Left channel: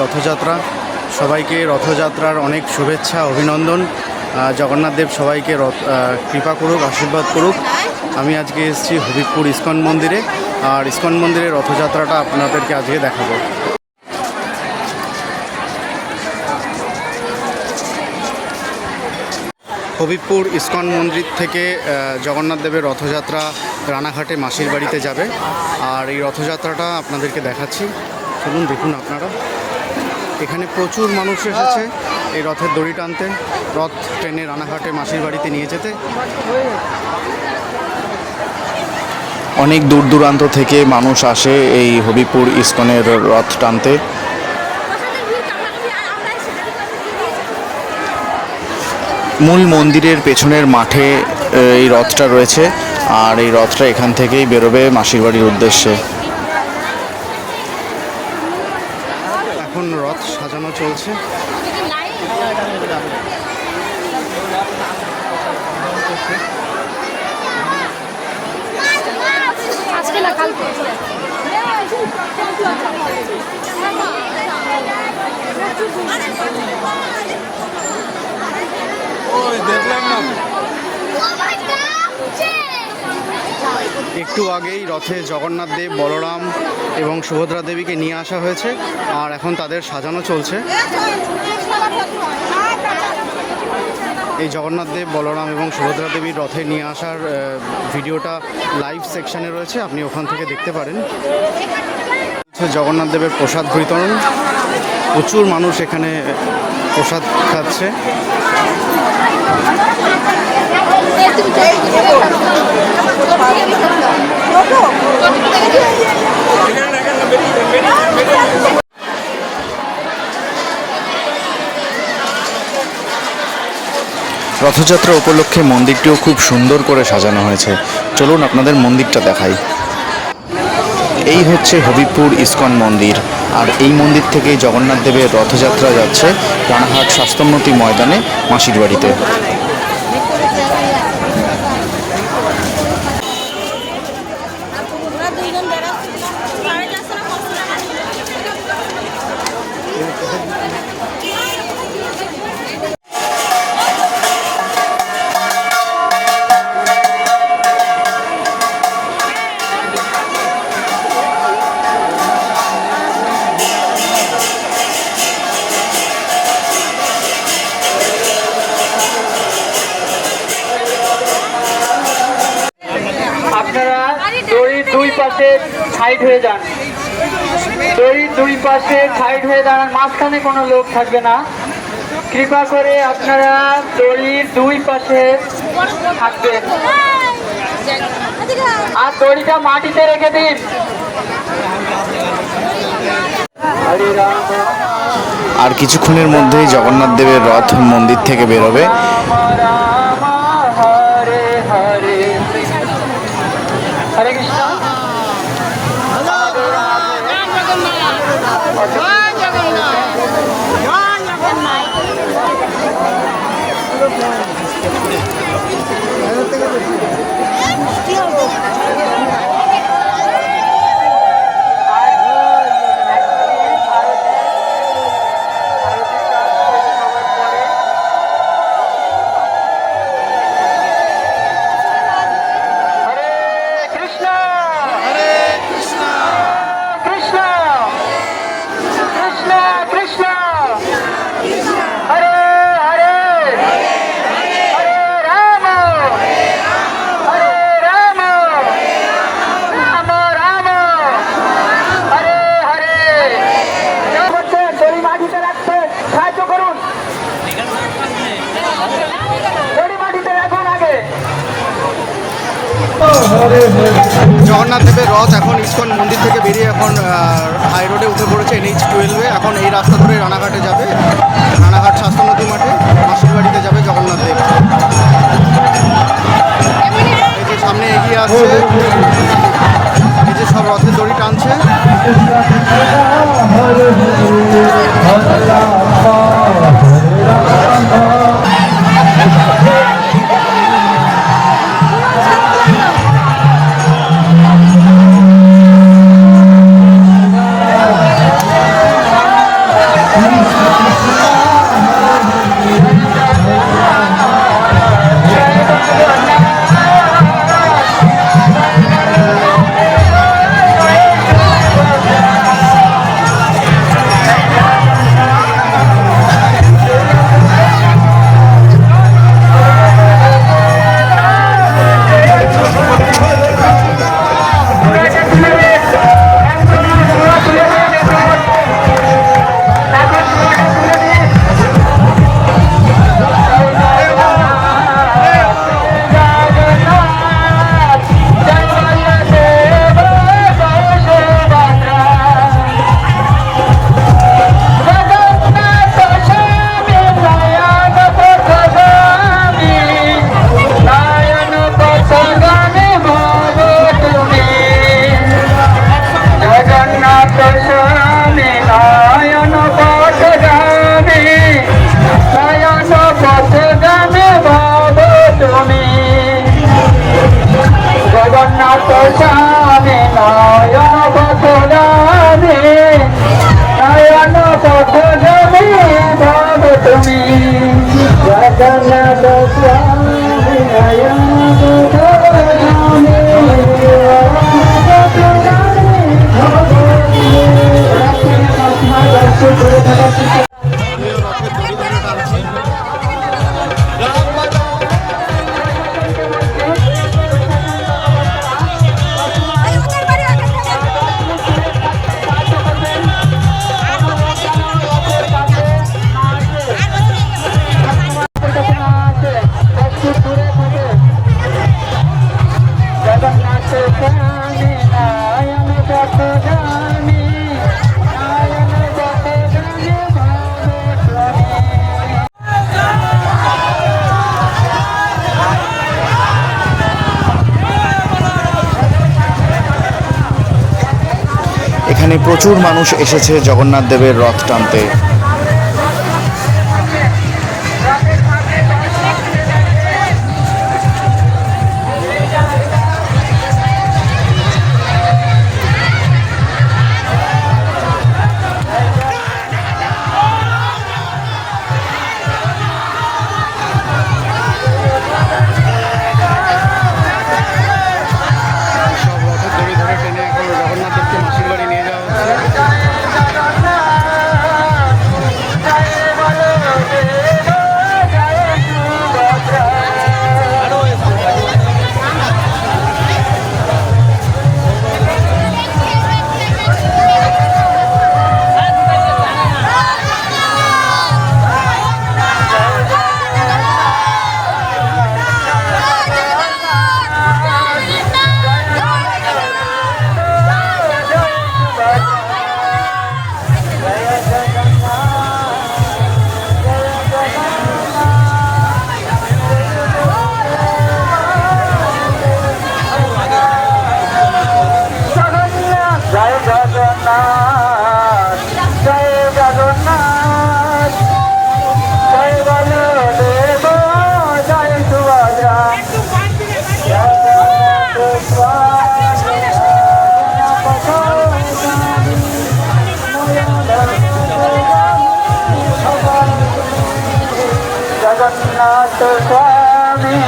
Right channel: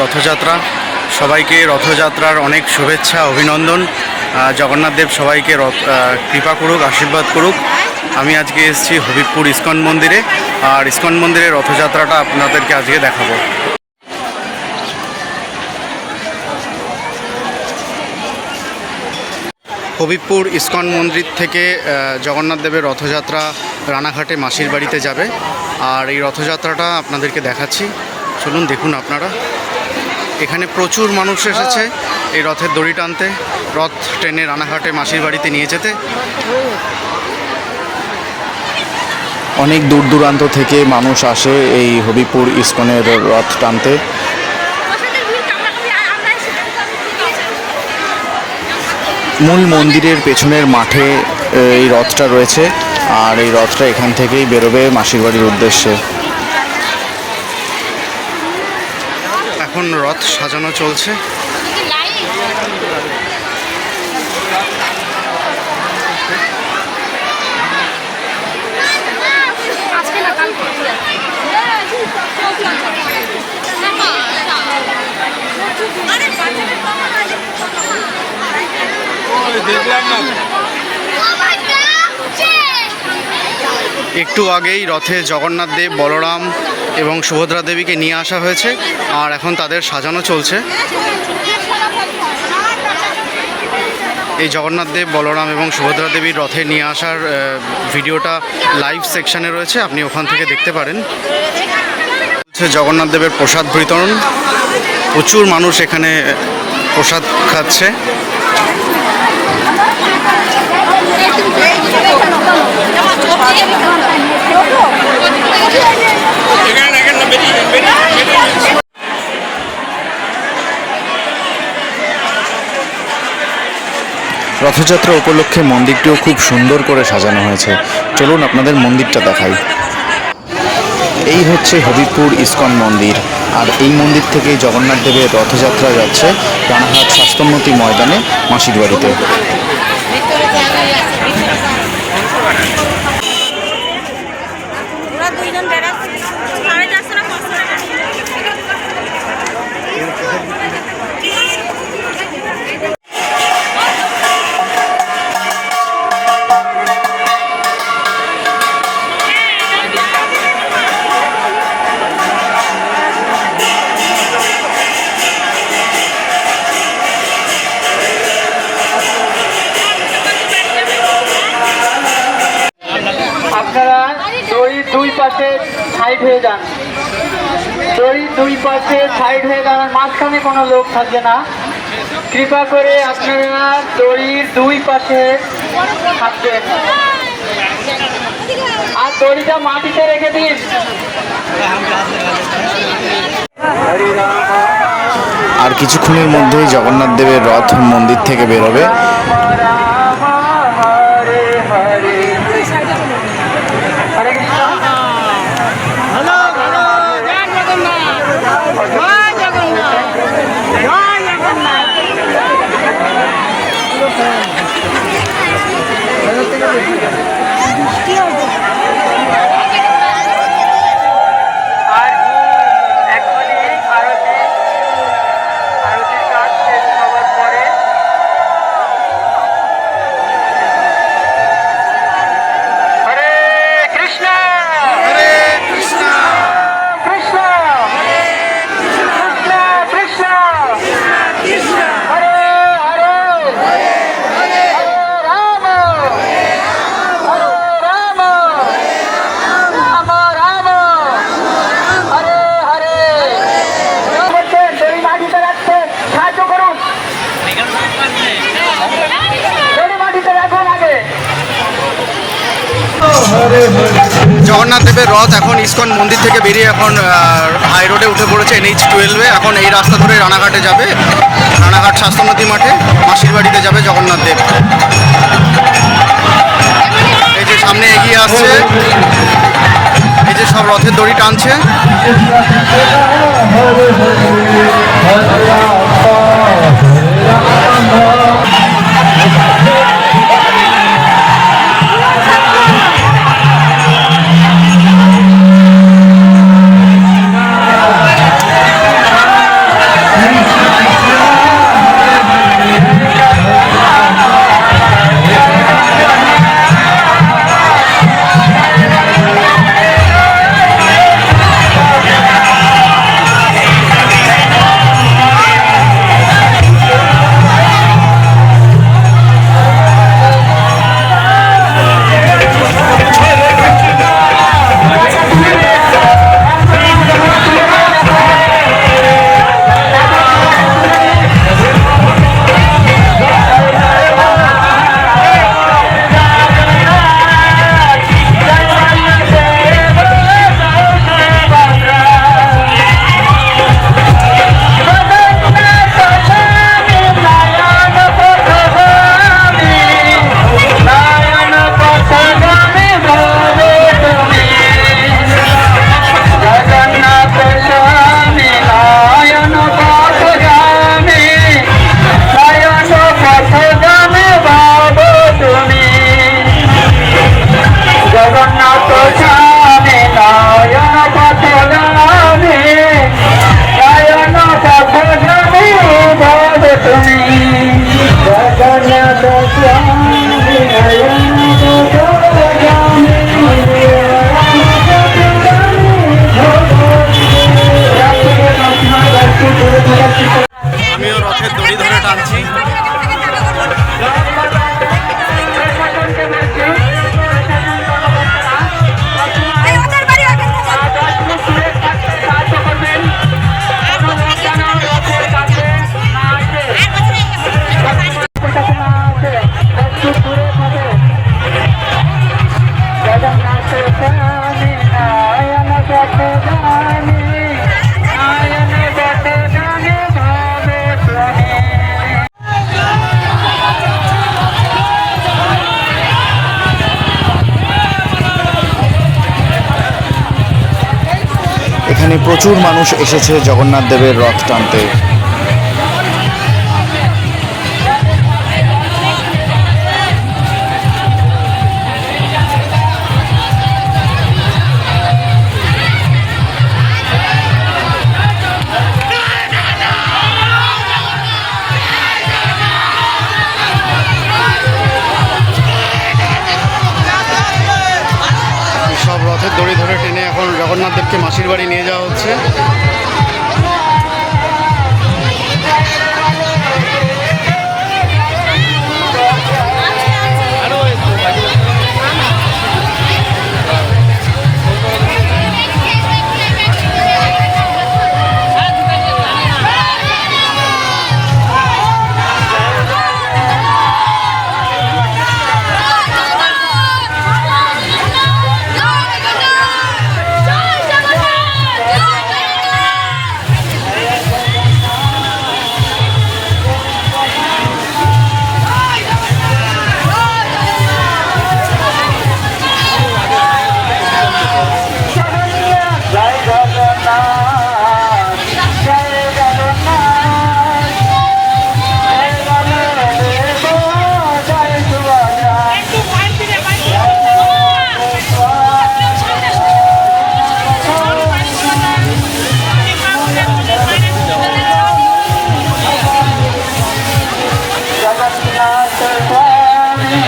রথযাত্রা। সবাইকে রথযাত্রার অনেক শুভেচ্ছা অভিনন্দন। আহ, জগন্নাথ দেব সবাইকে রথ কৃপা করুক আশীর্বাদ করুক। আমি আজকে এসেছি হবিবপুর ইস্কন মন্দিরে। আর ইস্কন মন্দিরে রথযাত্রাটা আপনাদেরকে আজকে দেখাবো। হবিবপুর ইস্কন মন্দির থেকে আহ, জগন্নাথ দেবের রথযাত্রা রানাঘাটে মাসির বাড়িতে যাবে। আর এই রথযাত্রাটা আপনাদেরকে দেখাচ্ছি। চলুন দেখুন আপনারা। এখানে প্রচুর মানুষ এসেছে এই রথের দড়ি টানতে, রথ ট্রেনে রানাঘাটে মাসির বাড়িতে নিয়ে যেতে। অনেক দূর দূরান্ত থেকে মানুষ আসে এই হবিপুর ইস্কনের রথ টানতে। মূল মন্দিরের পেছনের মাঠে, এই রথটা রয়েছে, আর এই রথটা এখান থেকেই বেরোবে মাসির বাড়ির উদ্দেশ্যে। এখন রথ সাজানো চলছে। একটু আগেই রথে জগন্নাথ দেব বলরাম এবং সুভদ্রা দেবীকে নিয়ে আসা হয়েছে, আর এখন তাদের সাজানো চলছে। এই জগন্নাথ দেব, বলরাম এবং সুভদ্রা দেবীর রথে নিয়ে আসার ভিডিওটা লাইভ সেকশনে রয়েছে, আপনি ওখান থেকে দেখতে পারেন। জগন্নাথ দেবের প্রসাদ বিতরণ। প্রচুর মানুষ এখানে প্রসাদ খাচ্ছে। রথযাত্রা উপলক্ষে মন্দিরটিও খুব সুন্দর করে সাজানো হয়েছে। চলুন আপনাদের মন্দিরটা দেখাই। এই হচ্ছে হবিপুর ইস্কন মন্দির। আর এই মন্দির থেকে জগন্নাথ দেবের রথযাত্রা যাচ্ছে রানাঘাট স্বাস্থ্যোন্নতি ময়দানে মাসির বাড়িতে। পাশে সাইড হয়ে যান। দড়ির দুই পাশে সাইড হয়ে দাঁড়ান, মাঝখানে কোনো লোক থাকবে না। কৃপা করে আপনারা দড়ির দুই পাশে থাকবেন। আর দড়িটা মাটিতে রেখে দিন। আর কিছুক্ষণের মধ্যেই জগন্নাথ দেবের রথ মন্দির থেকে বেরোবে। আর জগন্নাথ দেবের রথ এখন ইস্কন মন্দির থেকে বেরিয়ে এখন হাই রোডে উঠে পড়েছে এনএইচ টুয়েলভে এখন এই রাস্তা ধরে রানাঘাটে যাবে। রানাঘাট স্বাস্থ্যনদী মাঠে মাসির বাড়িতে যাবে জগন্নাথ দেব। এই যে সামনে এগিয়ে আসছে। এই যে সব রথের দড়ি টানছে। আমিও রথের দড়ি ধরে টানছি। এখানে প্রচুর মানুষ এসেছে জগন্নাথ দেবের রথ টানতে। জগন্নাথ দেবকে মাসির বাড়ি নিয়ে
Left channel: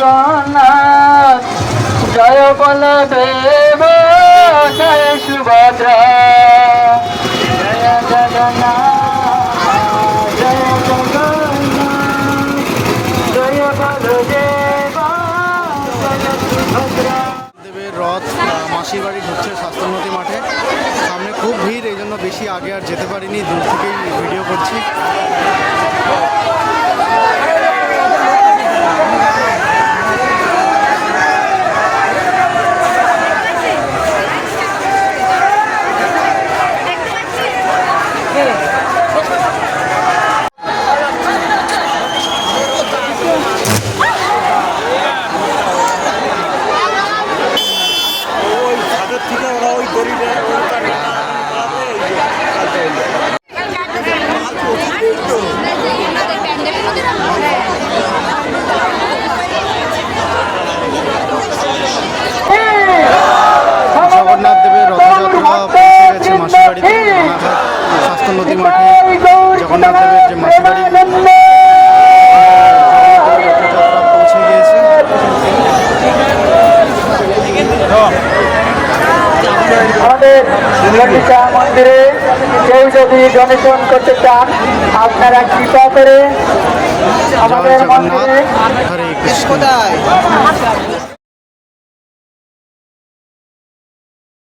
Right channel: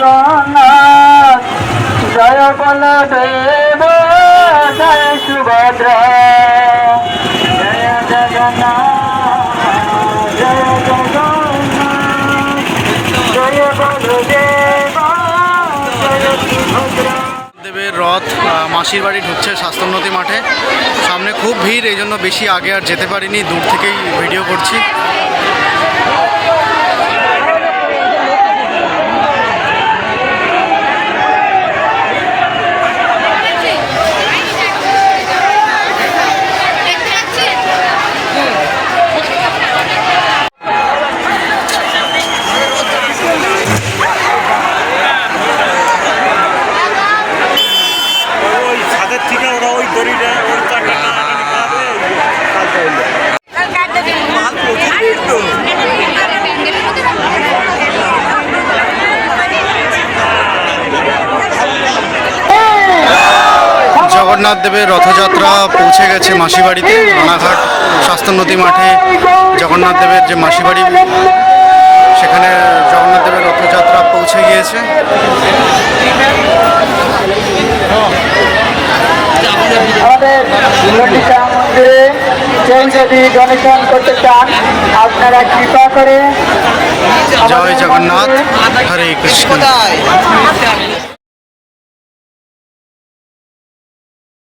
জগন্নাথ জয় বলবে জয় জয় সুভদ্রা রথ মাসির বাড়ি ঢুকছে স্বাস্থ্যোন্নতি মাঠে। সামনে খুব ভিড়, এই জন্য বেশি আগে আর যেতে পারিনি, দূর থেকেই ভিডিও করছি। জগন্নাথ দেবের রথযাত্রা পৌঁছে গেছে মাসি বাড়িতে রানাঘাট স্বাস্থ্যোন্নতি মাঠে। জগন্নাথ দেবের যে মাসি বাড়ি সেখানে জগন্নাথ দেবের রথযাত্রা পৌঁছে গিয়েছে। আমাদের ললিতা মন্দিরে কেউ যদি ডোনেশন করতে চান আপনারা কৃপা করে জয় জগন্নাথ হরে কৃষ্ণ।